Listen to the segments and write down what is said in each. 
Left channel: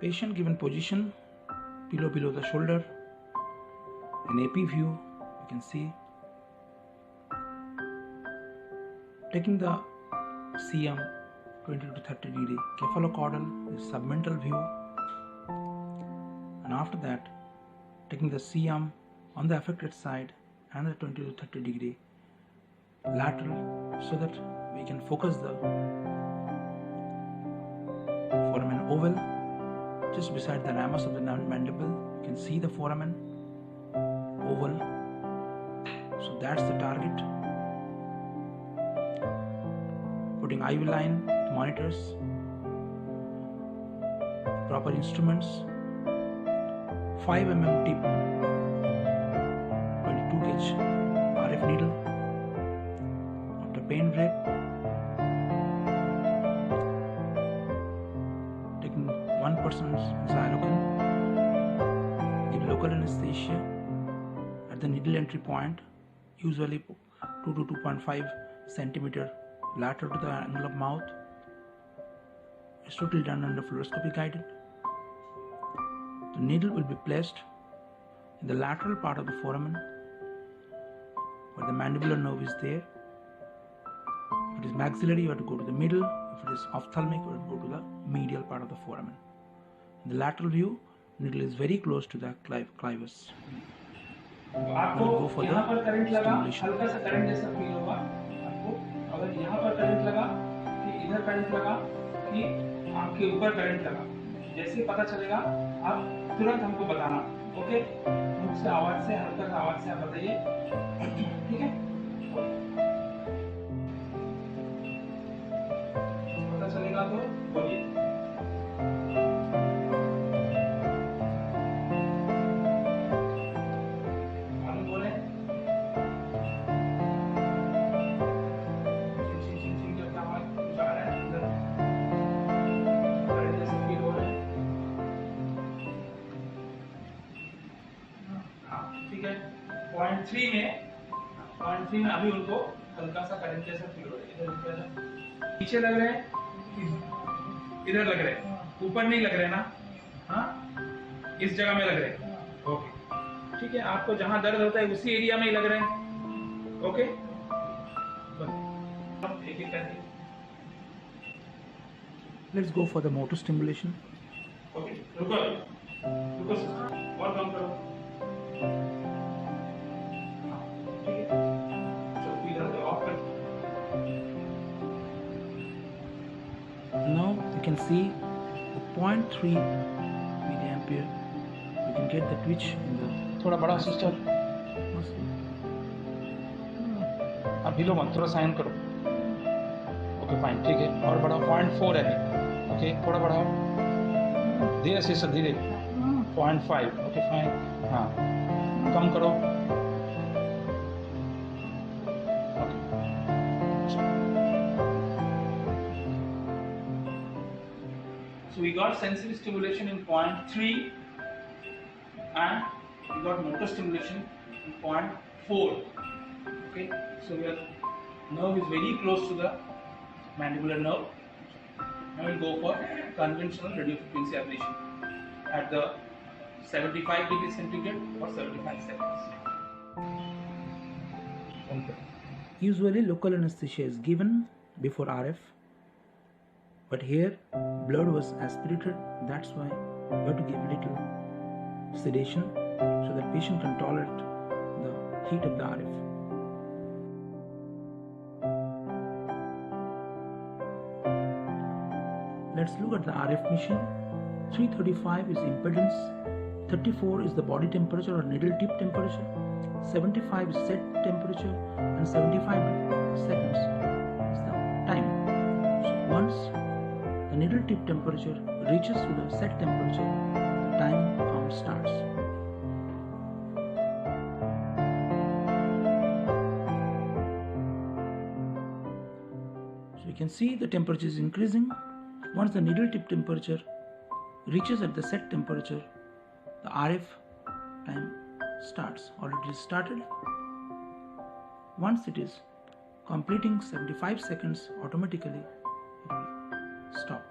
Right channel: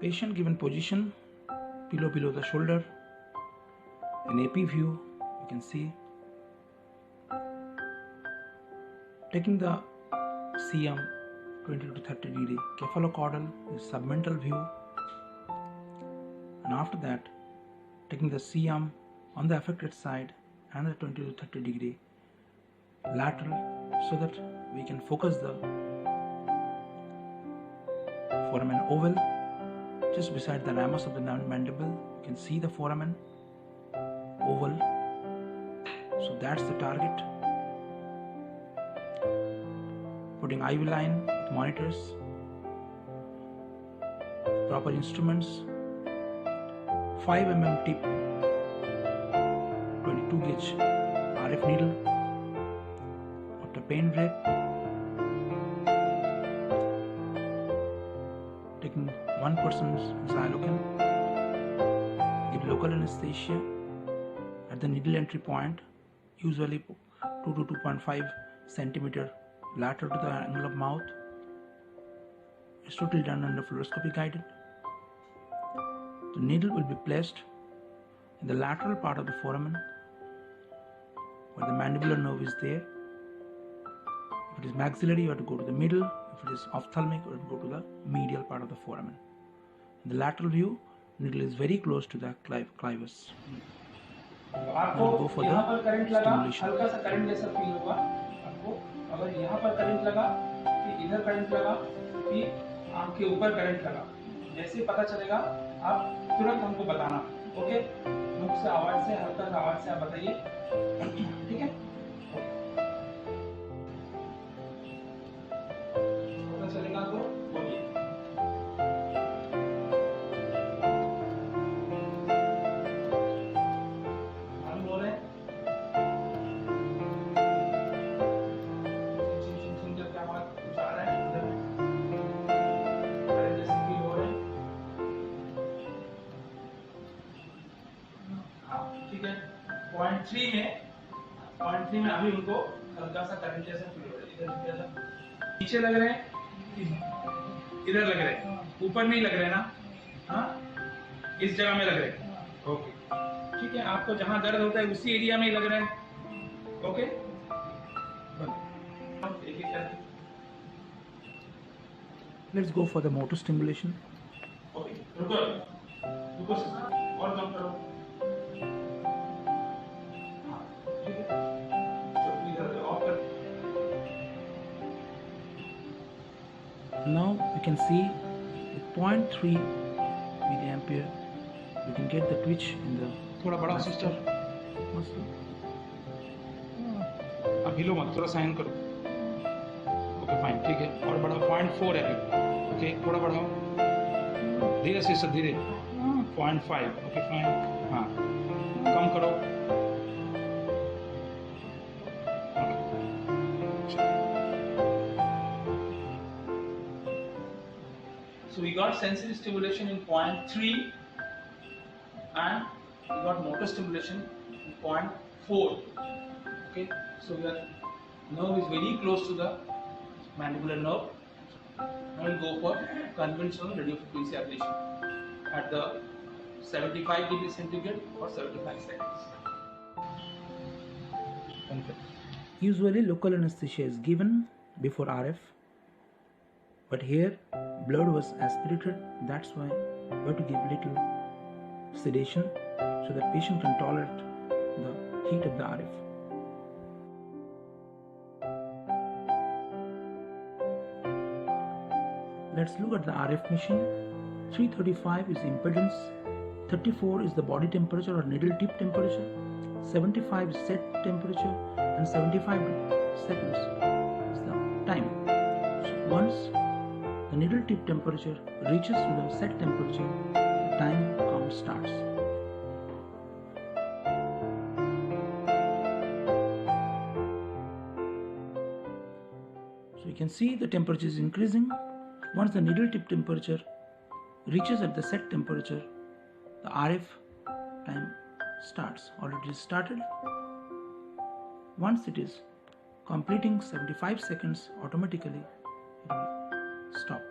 Patient given position, pillow below the shoulder. An AP view, you can see. Taking the CM 20 to 30 degree cephalocaudal is submental view, and after that taking the CM on the affected side and the 20 to 30 degree lateral, so that we can focus the foramen oval just beside the ramus of the mandible. You can see the foramen oval, so that's the target. Putting IV line with monitors, proper instruments, 5 mm tip, 22 gauge RF needle. After pain drape, taking 1% Xylocan, give local anesthesia at the needle entry point, usually 2 to 2.5 centimeter lateral to the angle of mouth. It's totally done under fluoroscopy guided. The needle will be placed in the lateral part of the foramen where the mandibular nerve is there. If it is maxillary, you have to go to the middle. If it is ophthalmic, you have to go to the medial part of the foramen. In the lateral view, needle is very close to the clivus. आपको go for यहाँ the पर current लगा, stimulation. हल्का सा current जैसा feel होगा आपको. अगर यहाँ पर करंट लगा कि इधर करंट लगा कि आंख के ऊपर करंट लगा, जैसे पता चलेगा आप तुरंत हमको बताना. ओके, मुख से आवाज से, हल्का सा आवाज से आप बताइए. ठीक है, पता चलेगा तो बोलिए. हम बोले चिंचिंग करके आवाज कुछ आ रहा है, इधर करंट जैसे फील हो रहा है. हाँ, ठीक है. पॉइंट 3 में अभी उनको हल्का सा करंट जैसा फील हो रहा है. नीचे लग रहे हैं, इधर लग रहे हैं, ऊपर नहीं लग रहे ना. हाँ, इस जगह में लग रहे हैं. ओके, ठीक है. आपको जहां दर्द होता है उसी एरिया में ही लग रहे हैं. ओके, एक एक करके. Let's go for the motor stimulation. Okay, रुको रुको सिस्टर, और कम करो. हाँ, ठीक है. चलो इधर से ऑफ कर. Now you can see with 0.3 milliampere we can get the twitch in the थोड़ा बड़ा सिस्टर, muscle. अब हिलो मत, थोड़ा साइन करो. ओके फाइन, ठीक है. और बढ़ाओ. 0.4 है अभी. ओके, थोड़ा बढ़ाओ, धीरे सिस्टर, धीरे. 0.5. Okay fine. हाँ, कम करो. So we got sensory stimulation in 0.3 and we got motor stimulation in 0.4. Okay, so your nerve is very close to the mandibular nerve. Now we'll go for conventional radiofrequency ablation at the 75 degree centigrade for 75 seconds. Usually local anesthesia is given before RF, but here blood was aspirated, that's why you have to give little sedation so that patient can tolerate the heat of the RF. Let's look at the RF machine. 335 is impedance, 34 is the body temperature or needle tip temperature, 75 is set temperature, and 75 seconds is the time. So once the needle tip temperature reaches to the set temperature, the time count starts. So you can see the temperature is increasing. Once the needle tip temperature reaches at the set temperature, the RF time starts. Already started. Once it is completing 75 seconds, automatically it will stop.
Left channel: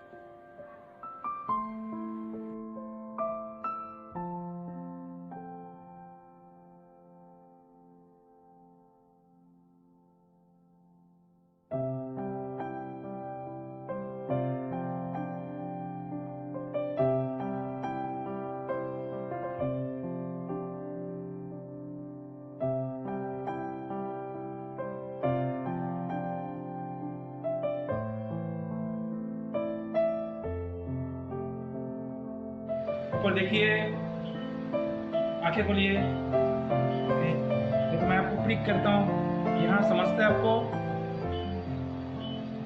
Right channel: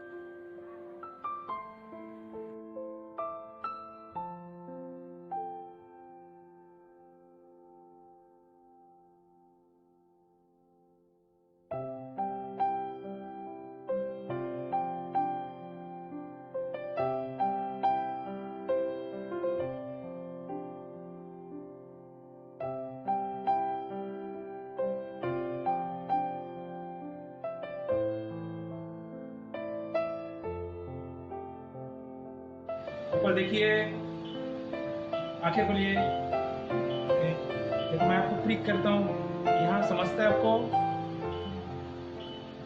ऊपर देखिए, आंखें खोलिए। Okay, देखो मैं आपको prick करता हूँ, यहाँ समझता है आपको?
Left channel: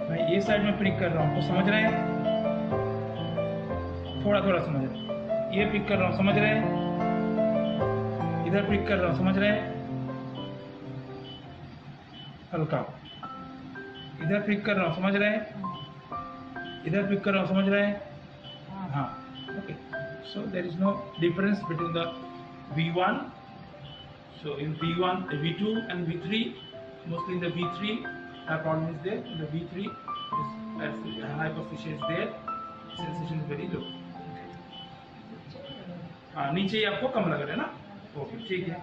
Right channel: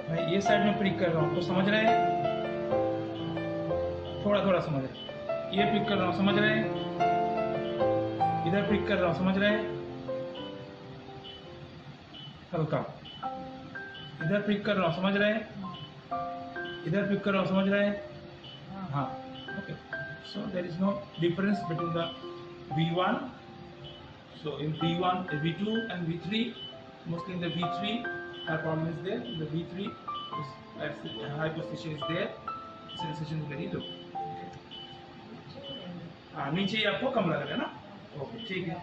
मैं ये साइड में प्रिक कर रहा हूँ, तो समझ रहे हैं? थोड़ा थोड़ा समझ रहे हैं। ये प्रिक कर रहा हूँ, समझ रहे हैं? इधर प्रिक कर रहा हूँ, समझ रहे हैं? हल्का। इधर प्रिक कर रहा हूँ, समझ रहे हैं? इधर प्रिक कर रहा हूँ, समझ रहे हैं? हाँ, okay. So there is no difference between the V1. So in V1, V2 and V3, mostly in the V3, that problem is there. In the V3, is hypoesthesia is there. Sensation is very low. Okay. हाँ, नीचे ही आपको कम लग रहा है ना? Okay, ठीक है।